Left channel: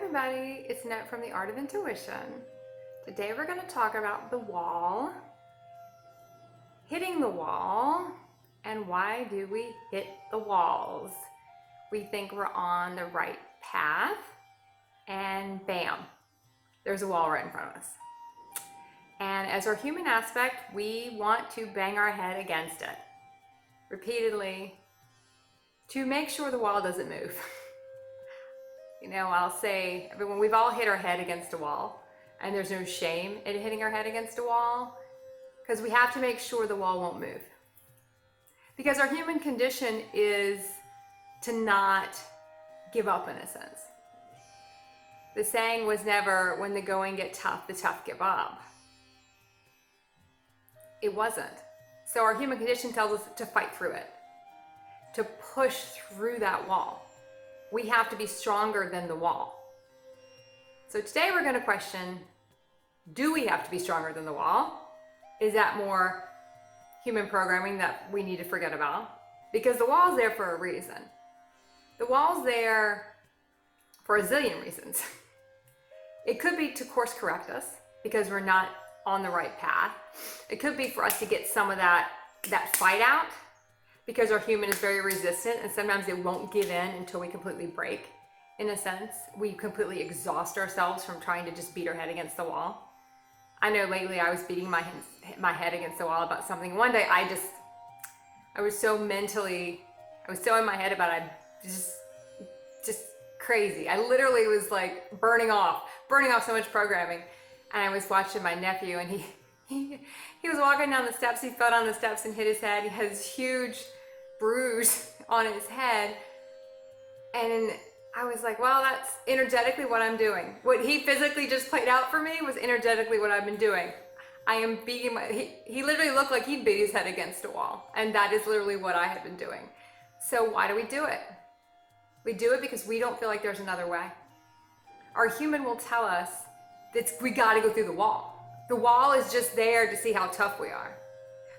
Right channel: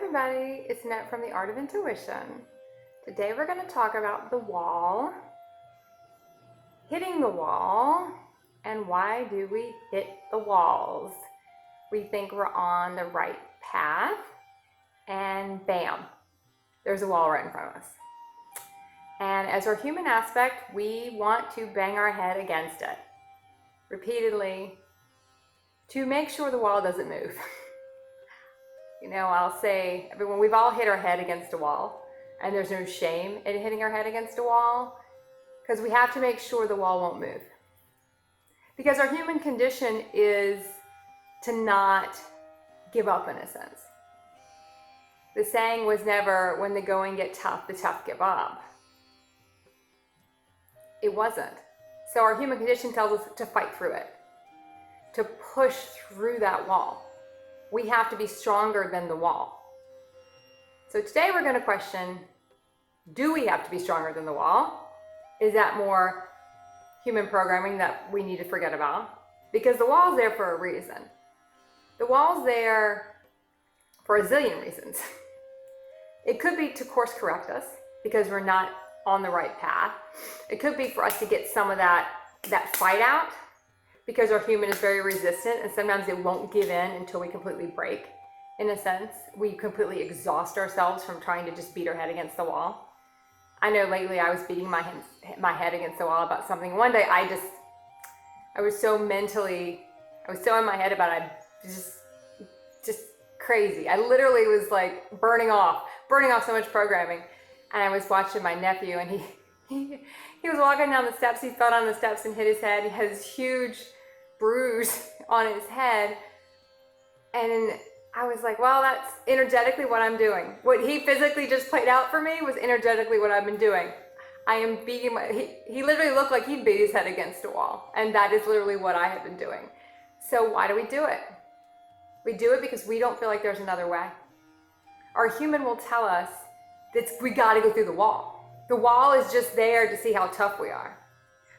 everybody, it's Net from the Art of Intuition. Today we're going to talk about the wall, hitting the wall, and why do we hit the walls? We think we're on the right path, and bam, there's a wall right in front of us. And as our human aspect, we want to bang our head against it repeatedly to make sure the wall doesn't move. You know, I'll say, when we've all hit our head against a wall, and there's no shame in hitting our head against a wall, because we have to make sure the wall won't move. Because our human condition is to not give up, in a sense. The saying was never, when the going gets tough, the tough give up. It wasn't. So our human condition tells us to fight through it, to push through that wall. We have to be stronger than the wall. So today we're going to question, do we have to be stronger than the wall? Is that more human programming that we need to forget about? Because the wall's there for a reason. The wall's there for a zillion reasons. It could be to course correct us because we're not on the right path. It could be for us to get some of that fight out, because our human is very resistant and sometimes it won't give in until we completely break. In a sense, we completely exhaust ourselves from trying to just beat our head against the wall. I know lately I was beating my head against the wall about something. One day I was so in my head about it, just crazy. I literally was like burning off so much programming. And I was watching my nephew, and he was walking down the steps. He fell down the steps and hit his head. He had this huge bruise on his head. And I was like, well, that's energetically what I'm doing. What he physically just played out for me was energetically what I've been doing. I am beating he literally looked like he beat his head against a wall. And that is literally what I have been doing. So why do we do it? We do it because we don't feel like there's another way. Our human will tell us that we got to go through the wall. The wall is just there to see how tough we are.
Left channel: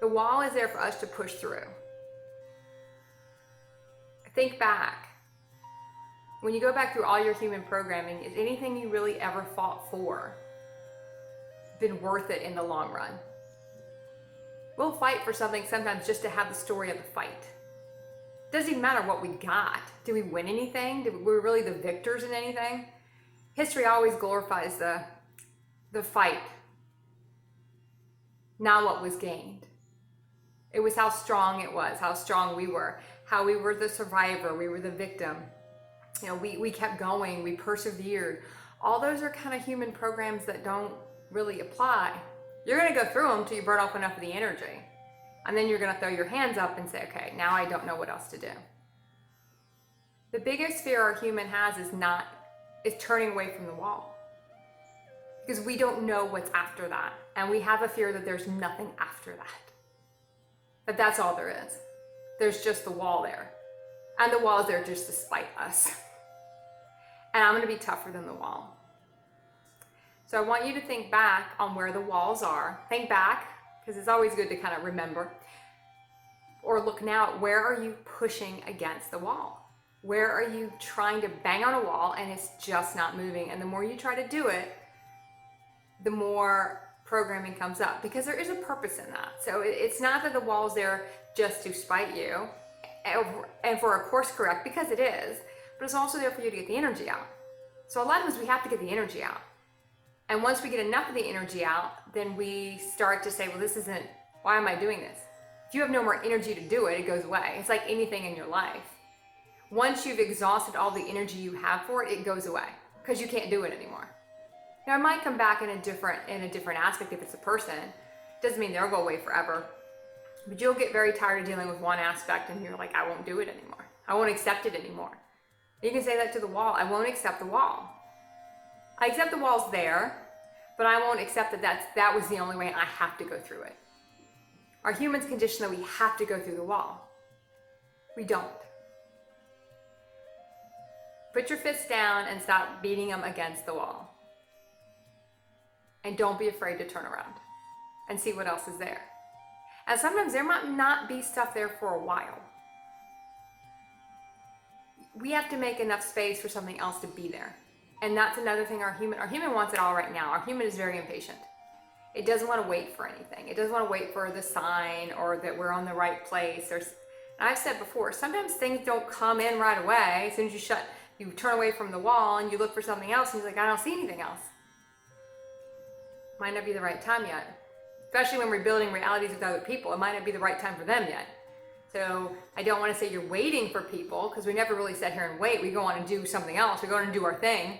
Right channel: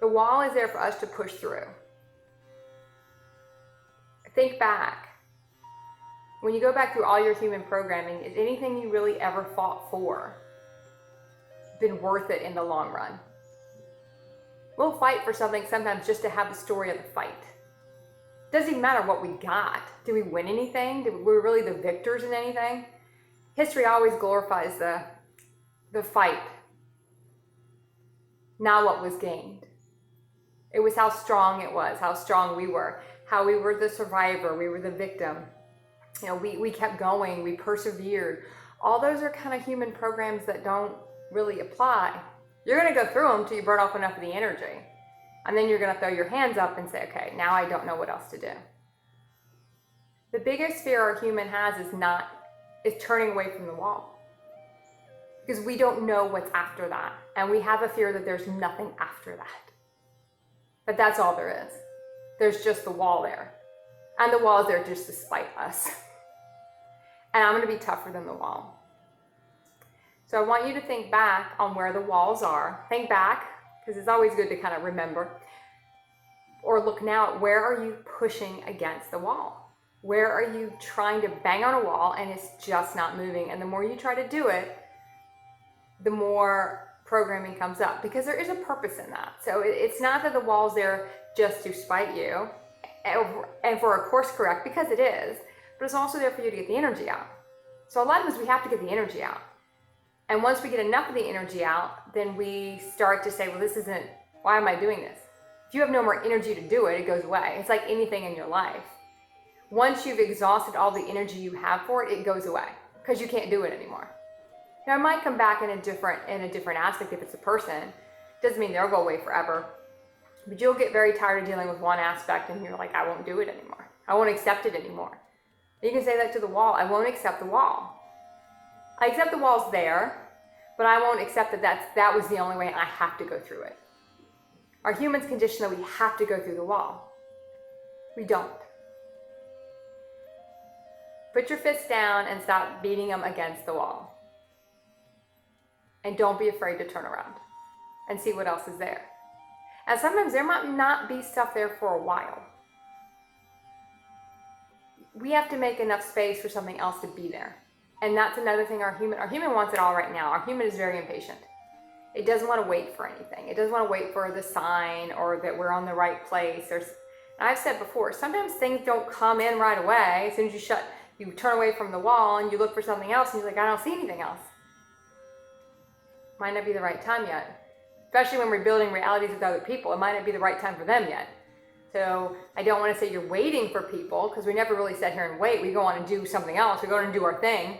The wall is there for us to push through. Think back. When you go back through all your human programming, is anything you really ever fought for been worth it in the long run? We'll fight for something sometimes just to have the story of the fight. Doesn't even matter what we got. Did we win anything? Were we really the victors in anything? History always glorifies the fight, not what was gained. It was how strong it was, how strong we were, how we were the survivor, we were the victim. You know, we kept going, we persevered. All those are kind of human programs that don't really apply. You're going to go through them until you burn off enough of the energy. And then you're going to throw your hands up and say, okay, now I don't know what else to do. The biggest fear our human has is turning away from the wall. Because we don't know what's after that. And we have a fear that there's nothing after that. That that's all there is. There's just the wall there. And the wall is there just to spite us. And I'm going to be tougher than the wall. So I want you to think back on where the walls are. Think back, because it's always good to kind of remember. Or look now at where are you pushing against the wall? Where are you trying to bang on a wall and it's just not moving? And the more you try to do it, the more programming comes up, because there is a purpose in that. So it's not that the wall's there just to spite you and for a course correct, because it is, but it's also there for you to get the energy out. So a lot of times we have to get the energy out. And once we get enough of the energy out, then we start to say, well, why am I doing this? If you have no more energy to do it, it goes away. It's like anything in your life. Once you've exhausted all the energy you have for it, it goes away because you can't do it anymore. Now, it might come back in a different aspect if it's a person. Doesn't mean they'll go away forever. But you'll get very tired of dealing with one aspect and you're like, I won't do it anymore. I won't accept it anymore. You can say that to the wall. I won't accept the wall. I accept the wall's there, but I won't accept that was the only way and I have to go through it. Our humans condition that we have to go through the wall. We don't. Put your fists down and stop beating them against the wall. And don't be afraid to turn around and see what else is there. And sometimes there might not be stuff there for a while. We have to make enough space for something else to be there. And that's another thing our human wants it all right now. Our human is very impatient. It doesn't want to wait for anything. It doesn't want to wait for the sign or that we're on the right place. And I've said before, sometimes things don't come in right away. As soon as you turn away from the wall and you look for something else and you're like, I don't see anything else. Might not be the right time yet. Especially when we're building realities with other people, it might not be the right time for them yet. So I don't want to say you're waiting for people, because we never really sit here and wait. We go on and do something else. We go on and do our thing,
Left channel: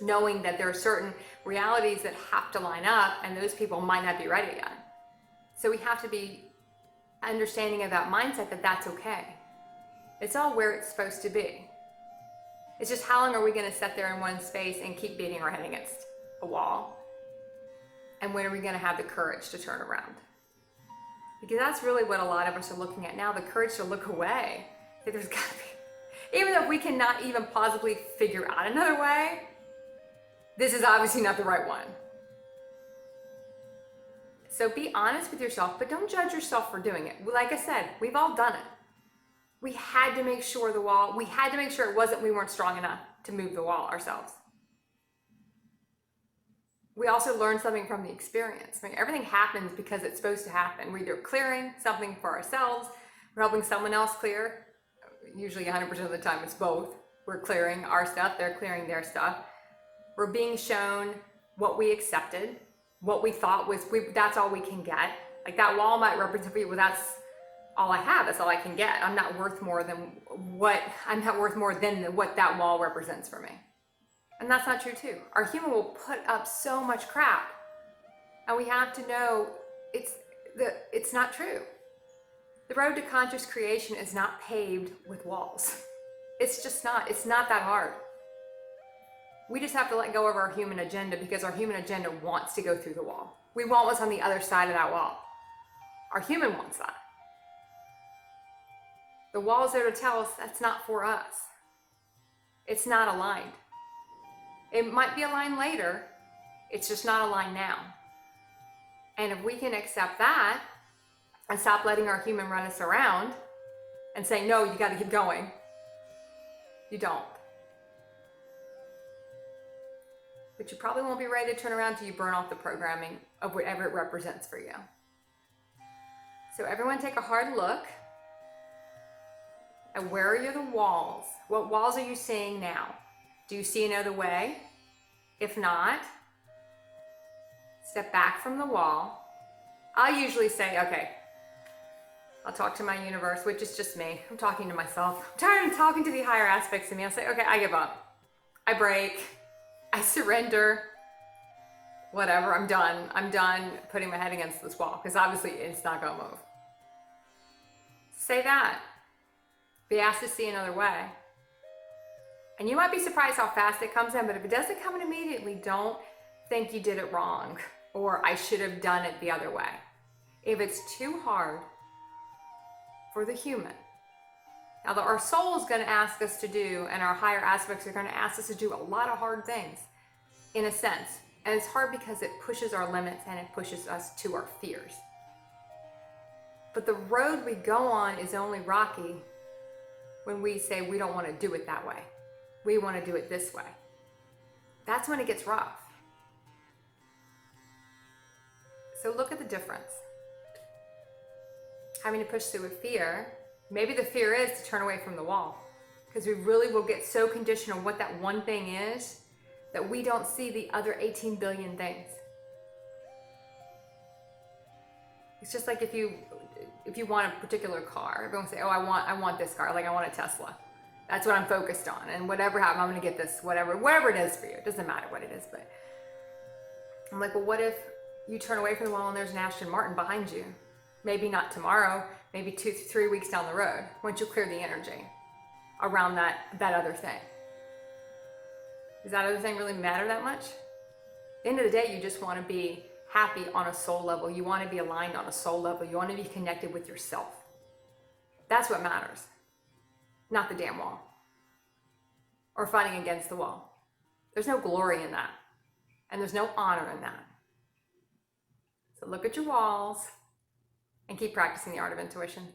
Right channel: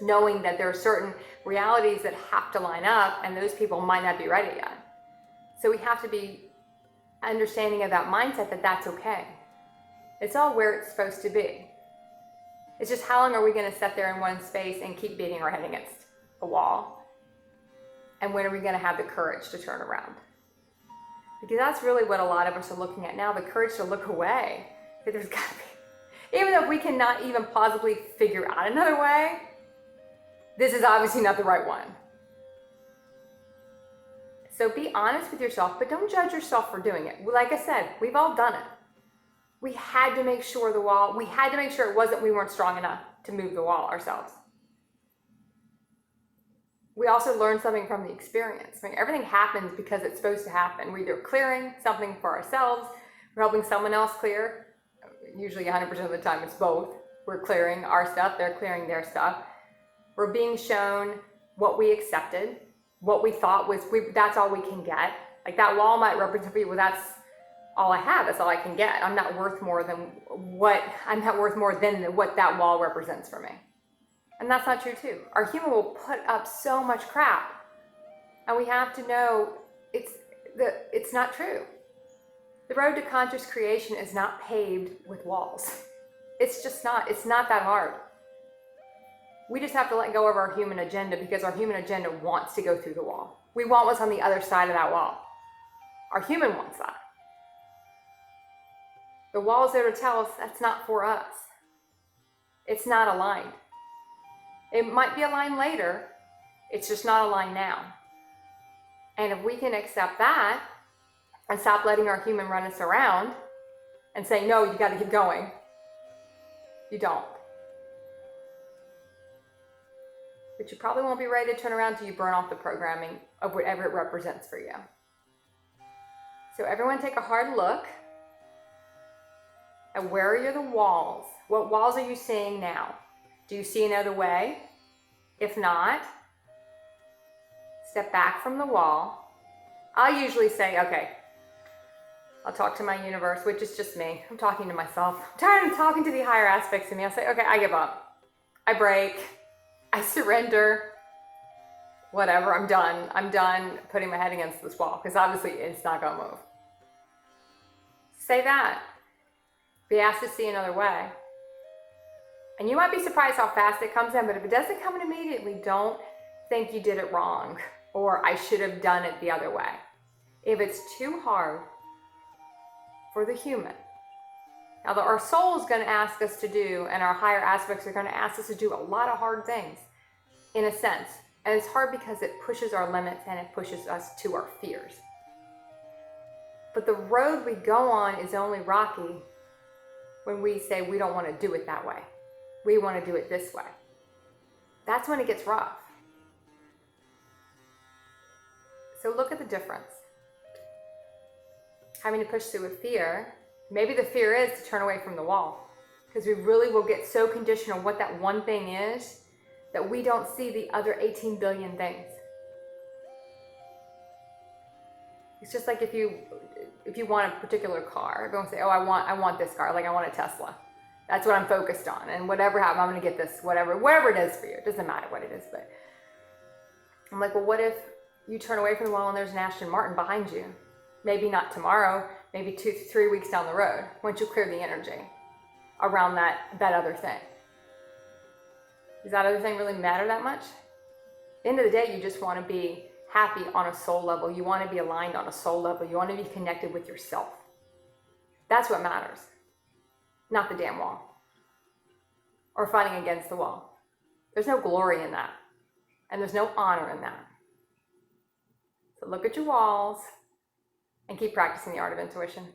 knowing that there are certain realities that have to line up and those people might not be ready yet. So we have to be understanding of that mindset that that's okay. It's all where it's supposed to be. It's just how long are we going to sit there in one space and keep beating our head against a wall? And when are we going to have the courage to turn around? Because that's really what a lot of us are looking at now, the courage to look away. There's got to be, even if we cannot even possibly figure out another way, this is obviously not the right one. So be honest with yourself, but don't judge yourself for doing it. Like I said, we've all done it. We had to make sure we had to make sure we weren't strong enough to move the wall ourselves. We also learn something from the experience. I mean, everything happens because it's supposed to happen. We're either clearing something for ourselves, we're helping someone else clear. Usually 100% of the time it's both. We're clearing our stuff, they're clearing their stuff. We're being shown what we accepted, what we thought that's all we can get. Like that wall might represent, well, that's all I have, that's all I can get. I'm not worth more than what that wall represents for me. And that's not true too. Our human will put up so much crap. And we have to know it's not true. The road to conscious creation is not paved with walls. It's just not. It's not that hard. We just have to let go of our human agenda, because our human agenda wants to go through the wall. We want what's on the other side of that wall. Our human wants that. The wall's there to tell us that's not for us. It's not aligned. It might be aligned later, it's just not aligned now. And if we can accept that and stop letting our human run us around and say, no, you got to keep going, you don't. But you probably won't be ready to turn around until you burn off the programming of whatever it represents for you. So everyone take a hard look at where are the walls? What walls are you seeing now? Do you see another way? If not, step back from the wall. I'll usually say, okay, I'll talk to my universe, which is just me. I'm talking to myself. I'm tired of talking to the higher aspects of me. I'll say, okay, I give up. I break. I surrender. Whatever, I'm done. I'm done putting my head against this wall, because obviously it's not going to move. Say that. Be asked to see another way. And you might be surprised how fast it comes in, but if it doesn't come in immediately, don't think you did it wrong or I should have done it the other way. If it's too hard for the human, now our soul is going to ask us to do, and our higher aspects are going to ask us to do a lot of hard things, in a sense. And it's hard because it pushes our limits and it pushes us to our fears. But the road we go on is only rocky when we say we don't want to do it that way. We want to do it this way. That's when it gets rough. So look at the difference. Having to push through with fear, maybe the fear is to turn away from the wall, because we really will get so conditioned on what that one thing is that we don't see the other 18 billion things. It's just like if you want a particular car, everyone say, oh, I want this car, like I want a Tesla. That's what I'm focused on. And whatever happens, I'm going to get this, whatever it is for you. It doesn't matter what it is, but I'm like, well, what if you turn away from the wall and there's an Aston Martin behind you? Maybe not tomorrow, maybe 2-3 weeks down the road, once you clear the energy around that other thing. Does that other thing really matter that much? At the end of the day, you just want to be happy on a soul level. You want to be aligned on a soul level. You want to be connected with yourself. That's what matters. Not the damn wall. Or fighting against the wall. There's no glory in that. And there's no honor in that. So look at your walls and keep practicing the art of intuition.